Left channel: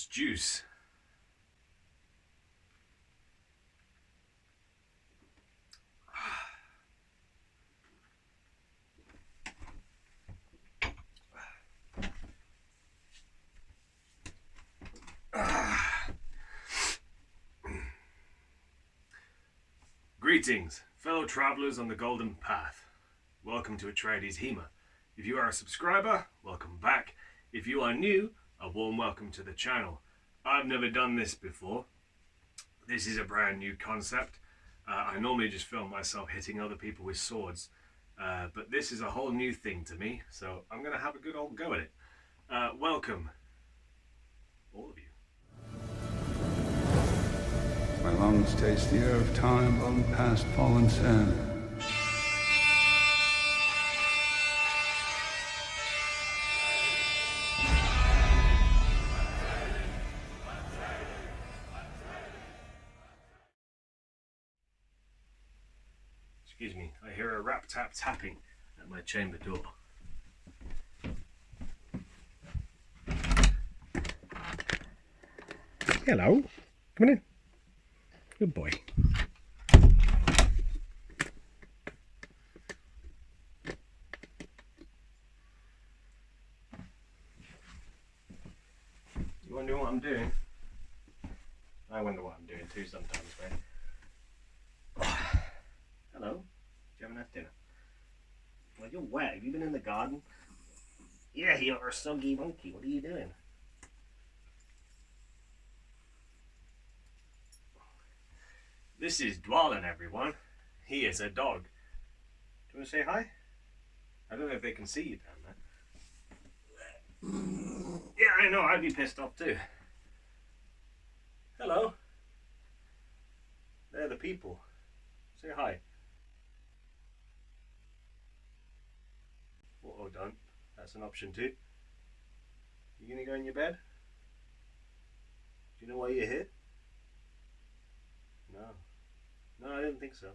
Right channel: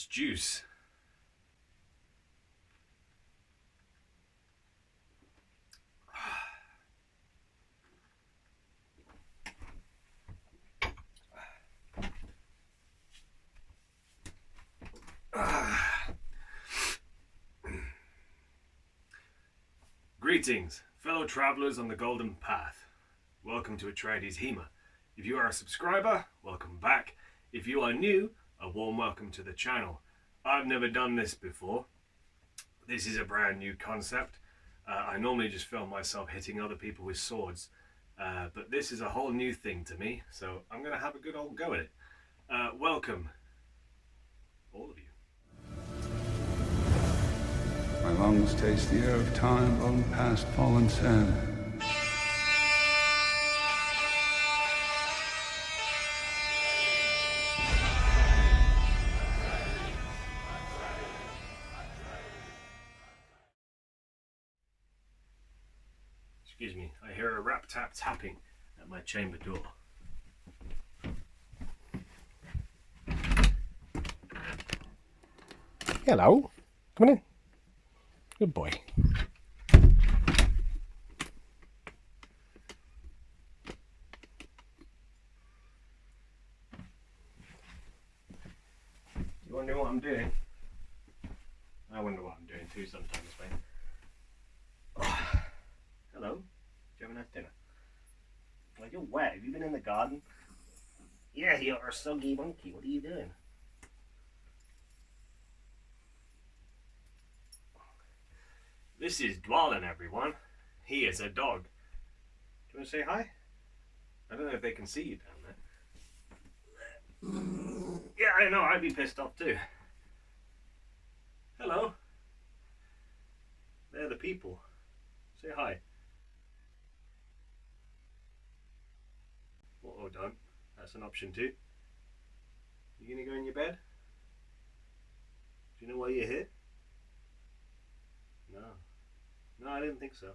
It's juice. Greetings, fellow travelers on the Golden Path. Welcome to Atreides HEMA. If you are a subscriber, welcome back. If you are new, a warm welcome to the channel. I've never done this before. This is a brand new concept. I normally just film myself hitting other people with swords, but this is a whole new thing to me, so I'm going to have a good old go at it. Welcome, all of you. My lungs taste the air of time blown past fallen sand. Excuse me, I hear a rap tap tapping at my chamber door. Hello. Come on in. Good boy. You wonder what I'm doing? I wonder what I'm doing too sometimes, mate. Oh. Hello. Did you have a nice dinner? Well, you're wet. Have you been in the garden? Yeah, you're a soggy monkey. What are you doing? This is Dwalin, everyone. He is a dog. Do you want to say hi? I don't know if they can see you down there. Yeah, I know. I'd be pissed off too. Hello. They're the people. Say hi. Oh, don't. That's an option too. You gonna go in your bed? Do you know why you're here? No. No, I didn't think so.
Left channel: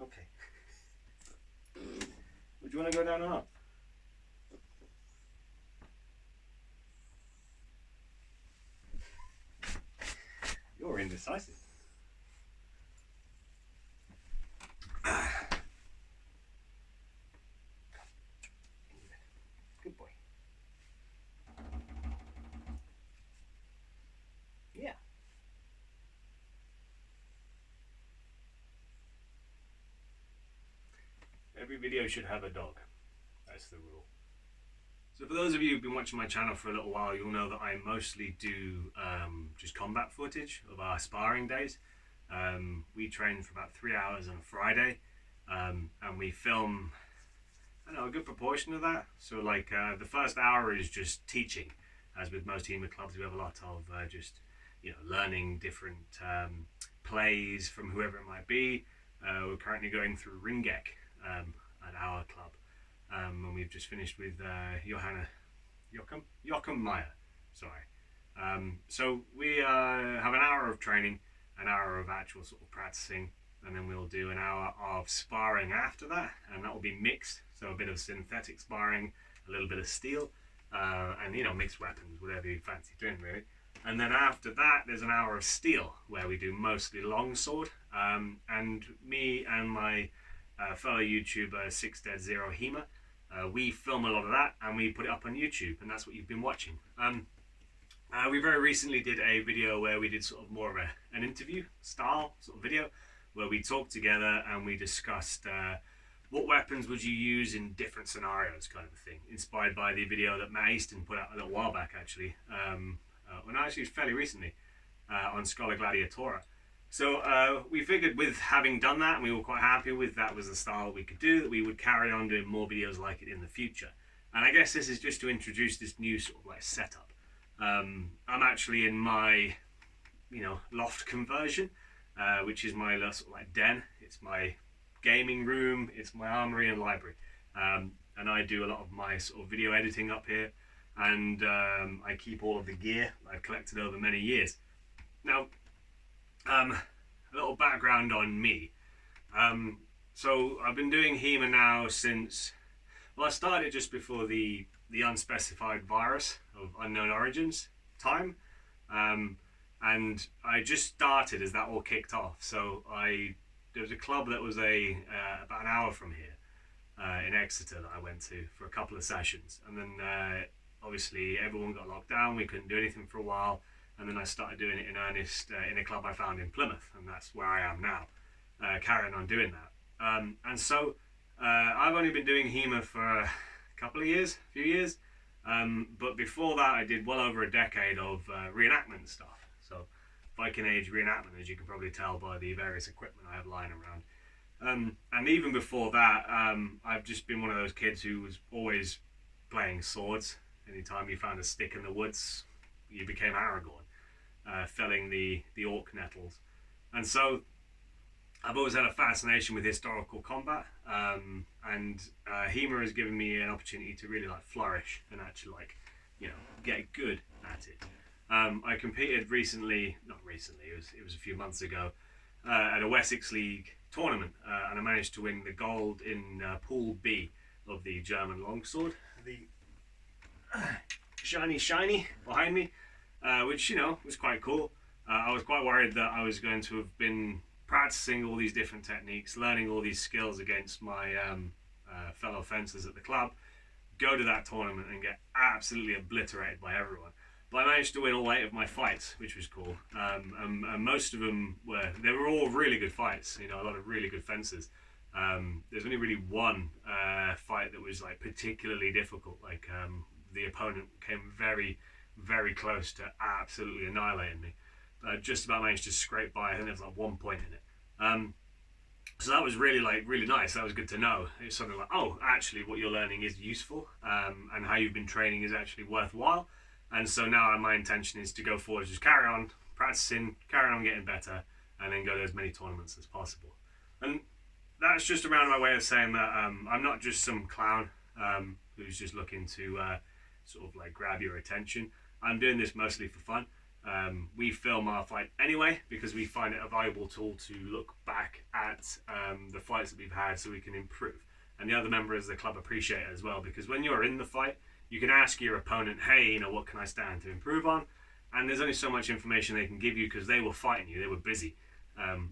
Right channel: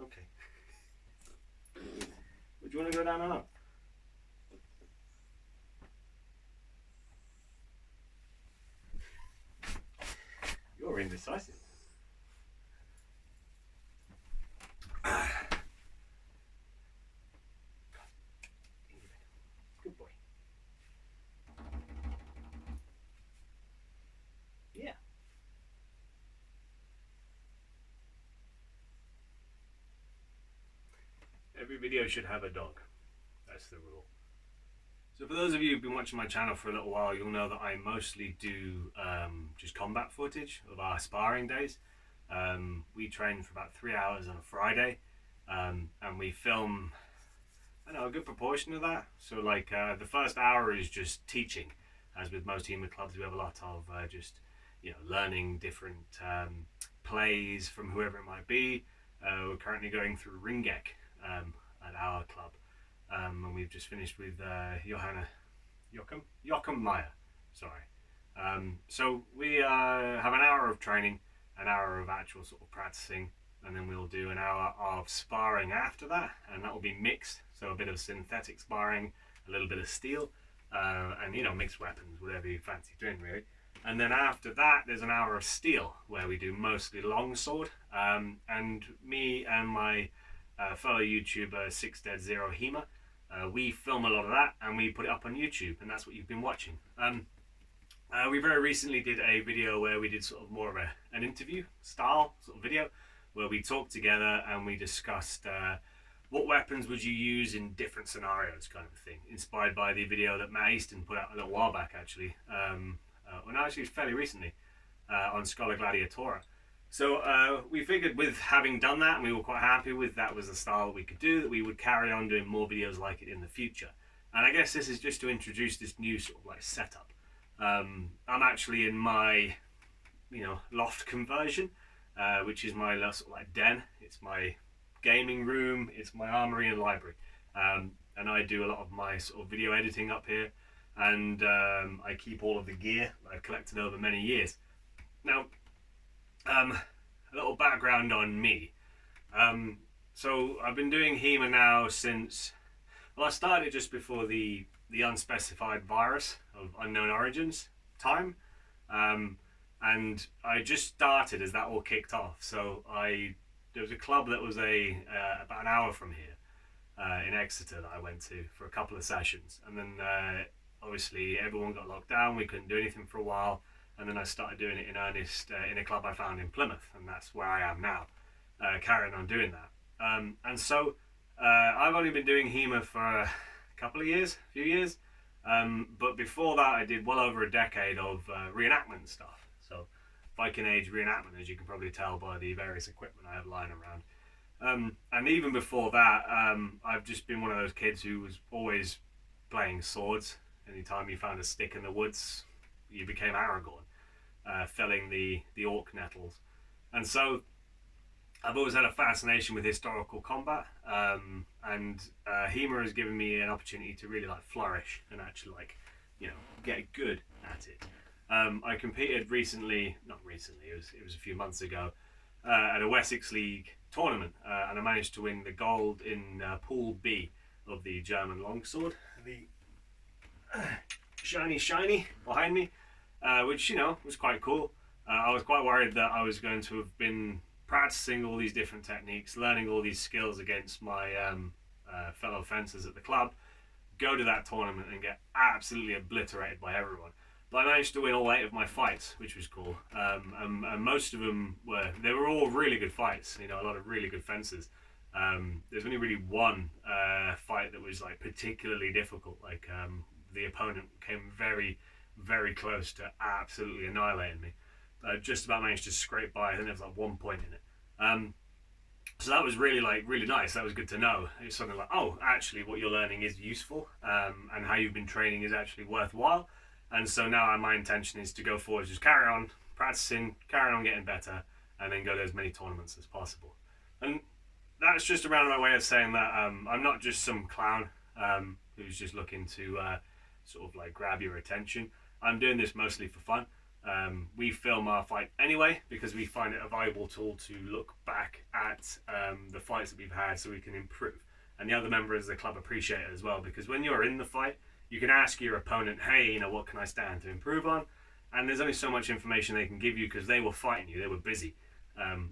Okay. Would you want to go down or not? You're indecisive. Good boy. Yeah. Every video should have a dog. That's the rule. So for those of you who've been watching my channel for a little while, you'll know that I mostly do just combat footage of our sparring days. We train for about 3 hours on a Friday, and we film, I don't know, a good proportion of that. So like the first hour is just teaching. As with most HEMA clubs, we have a lot of just, you know, learning different plays from whoever it might be. We're currently going through Ringek at our club, and we've just finished with Joachim Meyer. Sorry. So we have an hour of training, an hour of actual sort of practicing, and then we'll do an hour of sparring after that, and that will be mixed. So a bit of synthetic sparring, a little bit of steel, and, you know, mixed weapons, whatever you fancy doing really. And then after that, there's an hour of steel where we do mostly longsword, and me and my fellow YouTuber 6Dead0 HEMA, we film a lot of that and we put it up on YouTube, and that's what you've been watching. We very recently did a video where we did sort of more of an interview style sort of video where we talked together and we discussed what weapons would you use in different scenarios, kind of a thing, inspired by the video that Matt Easton put out a little while back actually, well, no, actually fairly recently, on Scholar Gladiatora. So we figured with having done that, and we were quite happy with that was the style we could do, that we would carry on doing more videos like it in the future. And I guess this is just to introduce this new sort of like setup. I'm actually in my, you know, loft conversion, which is my sort of like den. It's my gaming room, it's my armory and library, and I do a lot of my sort of video editing up here, and I keep all of the gear I've collected over many years. Now, a little background on me. So I've been doing HEMA now since, well, I started just before the unspecified virus of unknown origins time. And I just started as that all kicked off. So there was a club that was about an hour from here in Exeter that I went to for a couple of sessions, and then obviously everyone got locked down. We couldn't do anything for a while, and then I started doing it in earnest in a club I found in Plymouth, and that's where I am now, carrying on doing that. And so I've only been doing HEMA for a few years, but before that I did well over a decade of reenactment stuff. So Viking Age reenactment, as you can probably tell by the various equipment I have lying around. And even before that, I've just been one of those kids who was always playing swords. Anytime you found a stick in the woods, you became Aragorn, felling the orc nettles. And so I've always had a fascination with historical combat, and HEMA has given me an opportunity to really flourish and actually get good at it. I competed not recently, it was a few months ago, at a Wessex League tournament, and I managed to win the gold in Pool B of the German longsword. The shiny behind me, which was quite cool. I was quite worried that I was going to have been practicing all these different techniques, learning all these skills against my fellow fencers at the club, go to that tournament and get absolutely obliterated by everyone. But I managed to win all 8 of my fights, which was cool. And most of them were all really good fights. A lot of really good fencers. There's only really one fight that was particularly difficult. The opponent came very, very close to absolutely annihilating me. Just about managed to scrape by. I think there was 1 point in it. So that was really nice. That was good to know. It's something oh, actually what you're learning is useful, and how you've been training is actually worthwhile. And so now my intention is to go forward, just carry on practicing, carry on getting better, and then go to as many tournaments as possible. And that's just a roundabout way of saying that I'm not just some clown who's just looking to grab your attention. I'm doing this mostly for fun. We film our fight anyway because we find it a valuable tool to look back at the fights that we've had so we can improve. And the other members of the club appreciate it as well, because when you're in the fight, you can ask your opponent, hey, what can I stand to improve on? And there's only so much information they can give you because they were fighting you, they were busy.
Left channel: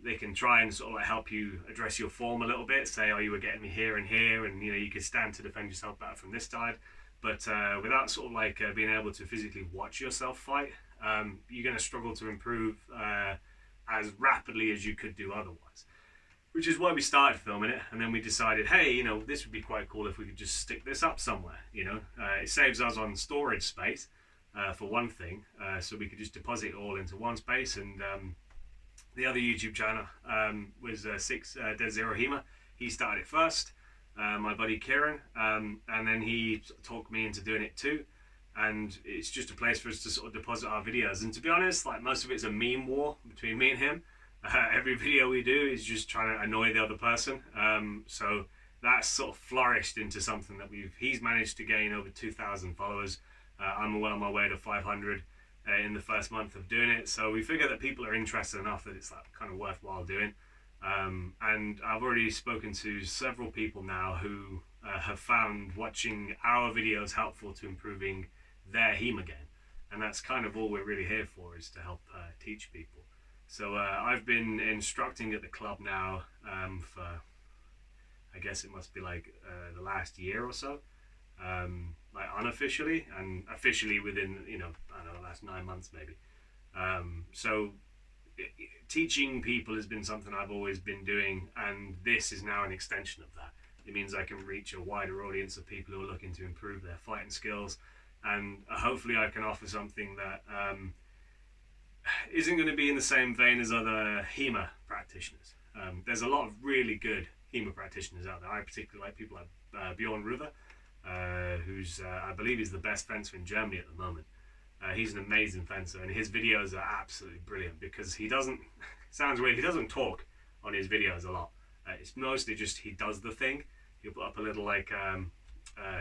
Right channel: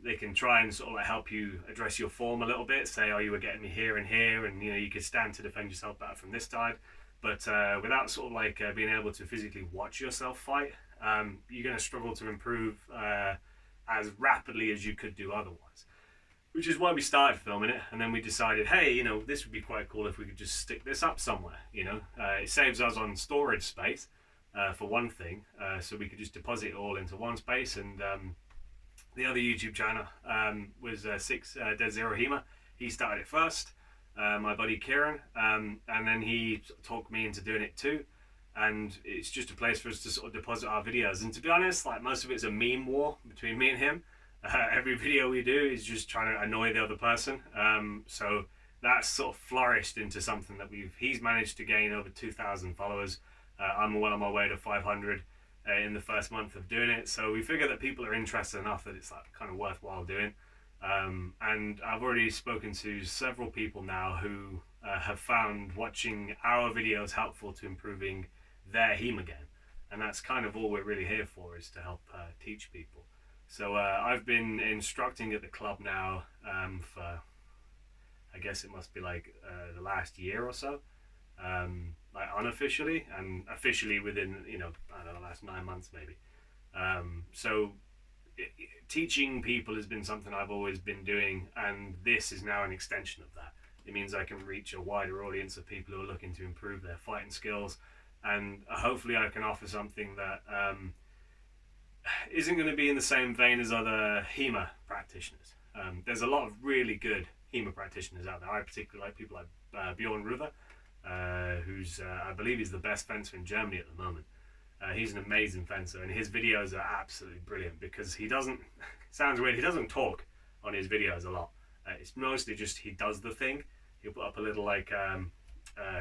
They can try and help you address your form a little bit, say, oh, you were getting me here and here, and you could stand to defend yourself better from this side. But without being able to physically watch yourself fight, you're going to struggle to improve as rapidly as you could do otherwise. Which is why we started filming it, and then we decided, hey, this would be quite cool if we could just stick this up somewhere. It saves us on storage space, for one thing, so we could just deposit it all into one space. And the other YouTube channel was 6 Dead Zero HEMA. He started it first, my buddy Kieran, and then he talked me into doing it too. And it's just a place for us to deposit our videos. And to be honest, most of it's a meme war between me and him. Every video we do is just trying to annoy the other person. So that's flourished into something that he's managed to gain over 2,000 followers. I'm well on my way to 500 in the first month of doing it. So we figure that people are interested enough that it's kind of worthwhile doing. And I've already spoken to several people now who have found watching our videos helpful to improving their HEMA game. And that's kind of all we're really here for, is to help teach people. So I've been instructing at the club now for, I guess it must be the last year or so, unofficially, and officially within, I don't know, the last 9 months maybe. So teaching people has been something I've always been doing, and this is now an extension of that. It means I can reach a wider audience of people who are looking to improve their fighting skills, and hopefully I can offer something that isn't going to be in the same vein as other HEMA practitioners. There's a lot of really good HEMA practitioners out there. I particularly like people like Bjorn Ruver, who's I believe he's the best fencer in Germany at the moment. He's an amazing fencer, and his videos are absolutely brilliant because he doesn't, sounds weird, he doesn't talk on his videos a lot. It's mostly just he does the thing. He'll put up a little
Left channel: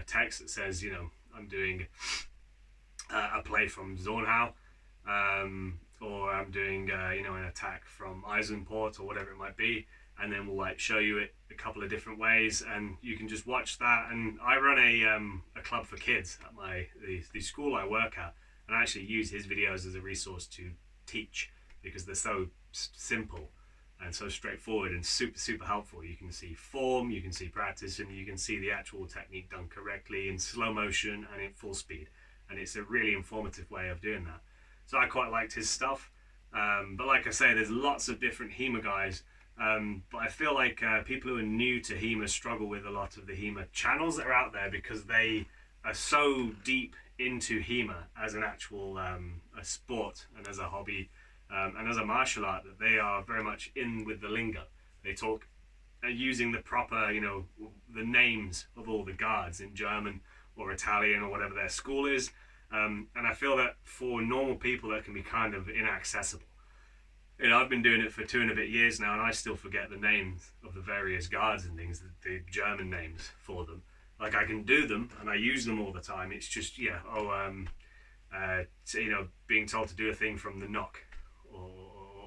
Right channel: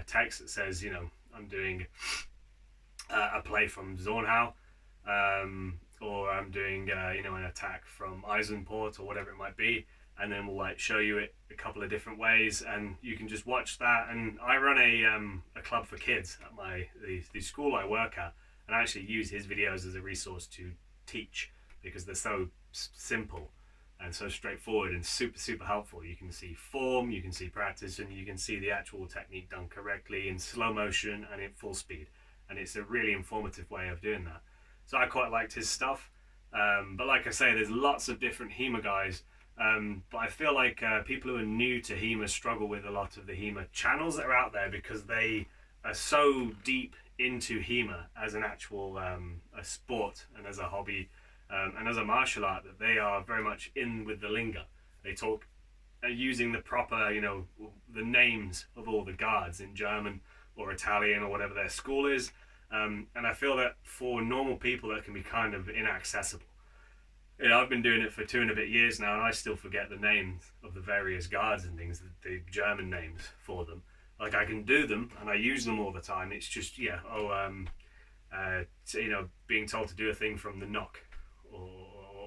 text that says, I'm doing a play from Zornhau, or I'm doing an attack from Eisenport or whatever it might be, and then we'll show you it a couple of different ways, and you can just watch that. And I run a club for kids at the school I work at, and I actually use his videos as a resource to teach, because they're so simple and so straightforward and super helpful. You can see form, you can see practice, and you can see the actual technique done correctly in slow motion and in full speed, and it's a really informative way of doing that. So I quite liked his stuff, but like I say, there's lots of different HEMA guys, but I feel like people who are new to HEMA struggle with a lot of the HEMA channels that are out there, because they are so deep into HEMA as an actual a sport and as a hobby, and as a martial art, that they are very much in with the lingo. They talk using the proper, the names of all the guards in German or Italian or whatever their school is. And I feel that for normal people that can be kind of inaccessible. I've been doing it for 2 and a bit years now, and I still forget the names of the various guards and things, the German names for them. Like, I can do them and I use them all the time. It's just, being told to do a thing from the knock,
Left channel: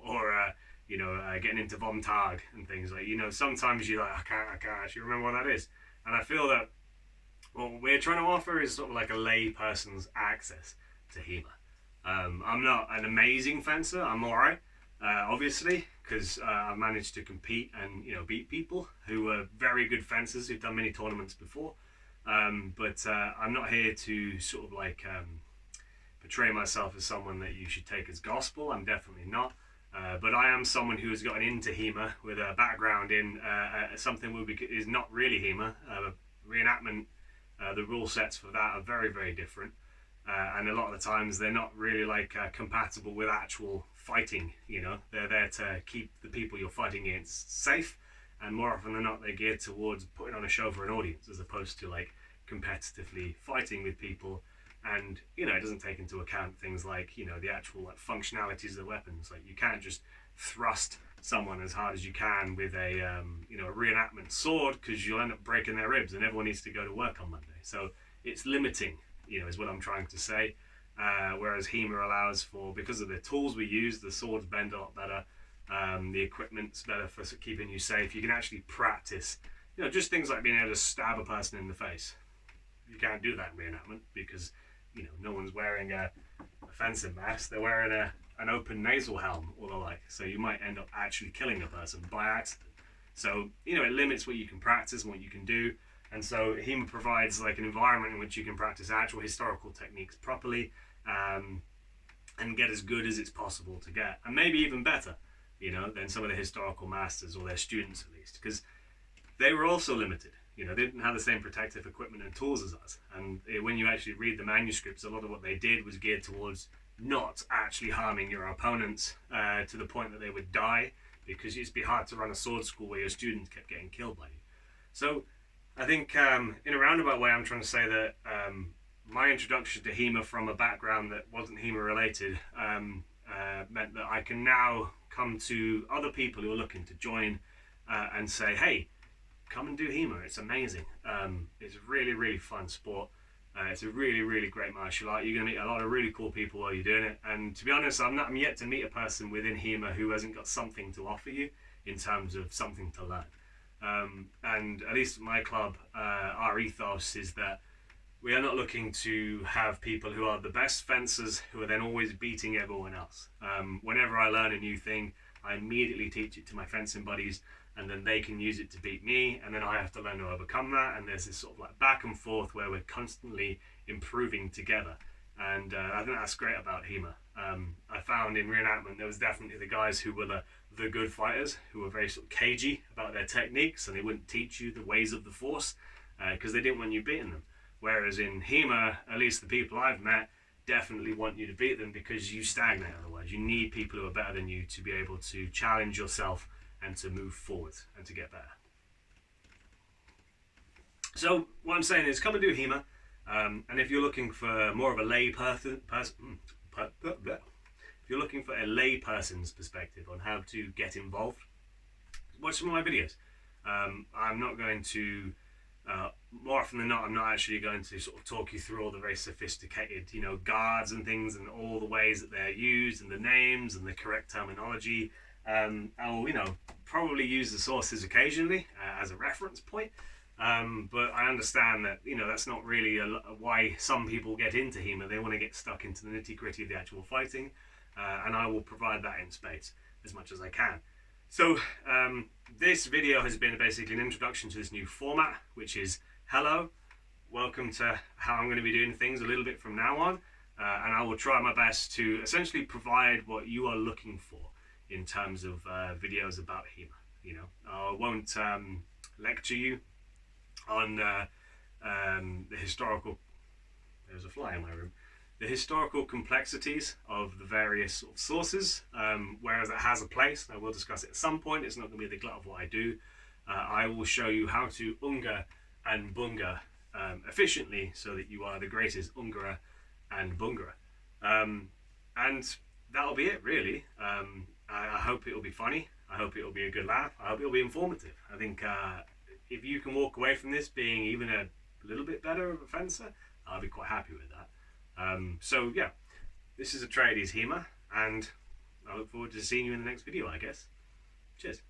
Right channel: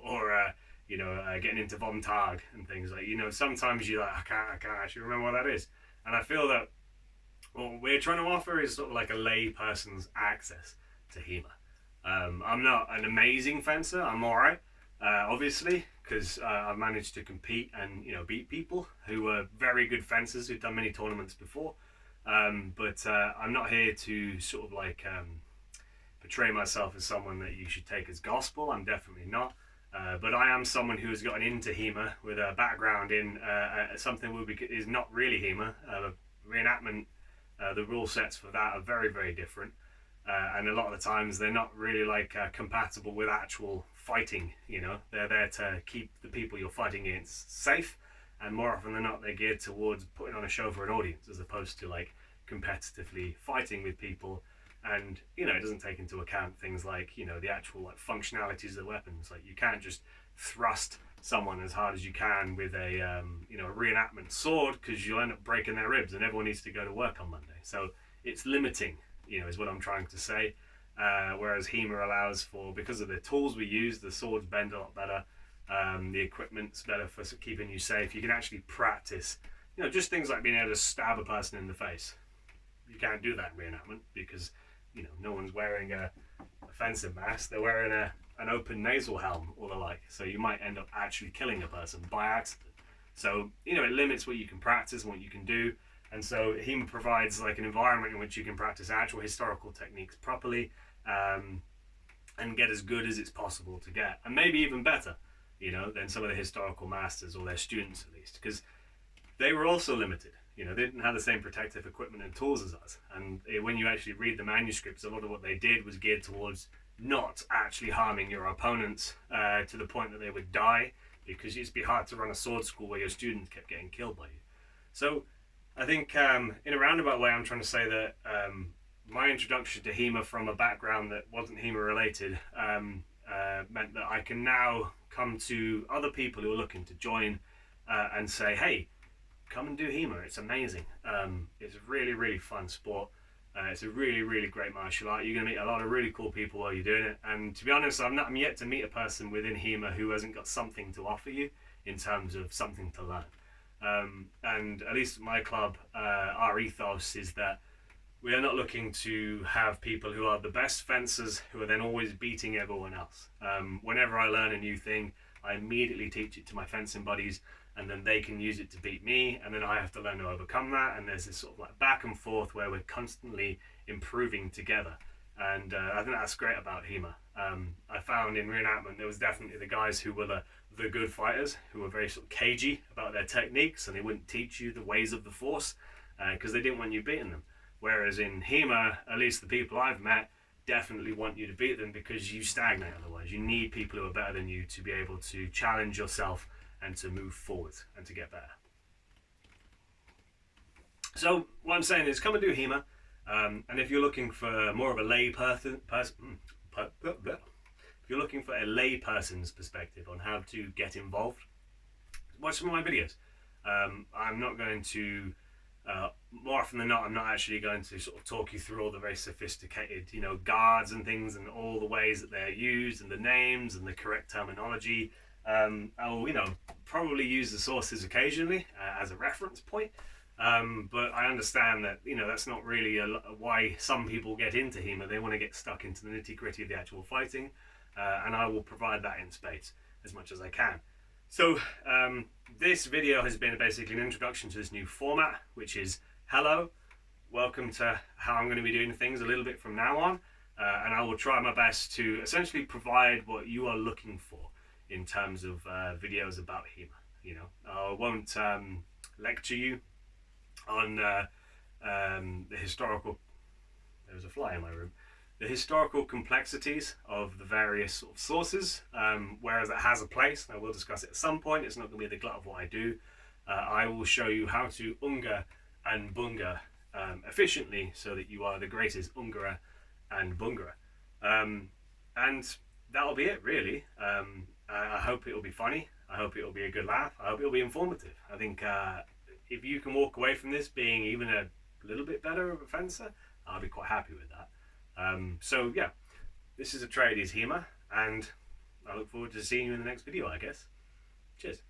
or getting into Von Tag and things like, sometimes you're like, I can't actually remember what that is. And I feel that what we're trying to offer is sort of like a lay person's access to HEMA. I'm not an amazing fencer. I'm all right, obviously, because I've managed to compete and beat people who are very good fencers who've done many tournaments before. But I'm not here to sort of like portray myself as someone that you should take as gospel. I'm definitely not. But I am someone who has gotten into HEMA with a background in something that is not really HEMA. Reenactment, the rule sets for that are very different. And a lot of the times they're not really like compatible with actual fighting. They're there to keep the people you're fighting against safe, and more often than not they're geared towards putting on a show for an audience, as opposed to like competitively fighting with people. And it doesn't take into account things like the actual like functionalities of the weapons. Like, you can't just thrust someone as hard as you can with a a reenactment sword, because you'll end up breaking their ribs and everyone needs to go to work on Monday. So it's limiting, is what I'm trying to say. Whereas HEMA allows for, because of the tools we use, the swords bend a lot better, the equipment's better for keeping you safe. You can actually practice, just things like being able to stab a person in the face. You can't do that in reenactment, because no one's wearing a fencing mask. They're wearing an open nasal helm or the like. So you might end up actually killing a person by accident. So, it limits what you can practice and what you can do. And so HEMA provides like an environment in which you can practice actual historical techniques properly, and get as good as it's possible to get. And maybe even better, than some of the historical masters, or their students at least, because they were also limited. They didn't have the same protective equipment and tools as us. And when you actually read the manuscripts, a lot of what they did was geared towards not actually harming your opponents to the point that they would die, because it'd be hard to run a sword school where your students kept getting killed by you. So I think in a roundabout way, I'm trying to say that my introduction to HEMA from a background that wasn't HEMA related meant that I can now come to other people who are looking to join and say, hey, come and do HEMA. It's amazing. It's a really fun sport. It's a really great martial art. You're going to meet a lot of really cool people while you're doing it. And to be honest, I'm yet to meet a person within HEMA who hasn't got something to offer you in terms of something to learn. And at least at my club, our ethos is that we are not looking to have people who are the best fencers who are then always beating everyone else. Whenever I learn a new thing, I immediately teach it to my fencing buddies, and then they can use it to beat me, and then I have to learn to overcome that. And there's this sort of like back and forth where we're constantly improving together. And I think that's great about HEMA. I found in reenactment there was definitely the guys who were the good fighters, who were very sort of cagey about their techniques, and they wouldn't teach you the ways of the force because they didn't want you beating them. Whereas in HEMA, at least the people I've met definitely want you to beat them, because you stagnate otherwise. You need people who are better than you to be able to challenge yourself and to move forward and to get better. So what I'm saying is, come and do HEMA, and if you're looking for more of a lay person, if you're looking for a lay person's perspective on how to get involved, watch some of my videos. I'm not going to, more often than not, I'm not actually going to sort of talk you through all the very sophisticated, guards and things and all the ways that they're used and the names and the correct terminology. I'll, probably use the sources occasionally as a reference point, But I understand that, you know, that's not really why some people get into HEMA. They want to get stuck into the nitty gritty of the actual fighting, and I will provide that in spades as much as I can. So this video has been basically an introduction to this new format, which is hello, welcome to how I'm going to be doing things a little bit from now on, and I will try my best to essentially provide what you are looking for in terms of videos about HEMA. You know, I won't lecture you on the historical, there's a fly in my room, the historical complexities of the various sort of sources, whereas it has a place, and I will discuss it at some point. It's not going to be the glut of what I do. I will show you how to unga and bunga efficiently so that you are the greatest ungerer and bungerer. And that'll be it, really. I hope it'll be funny. I hope it'll be a good laugh. I hope it'll be informative. I think if you can walk away from this being even a little bit better of a fencer, I'll be quite happy with that. So yeah, this is Atreides HEMA, and I look forward to seeing you in the next video, I guess. Cheers.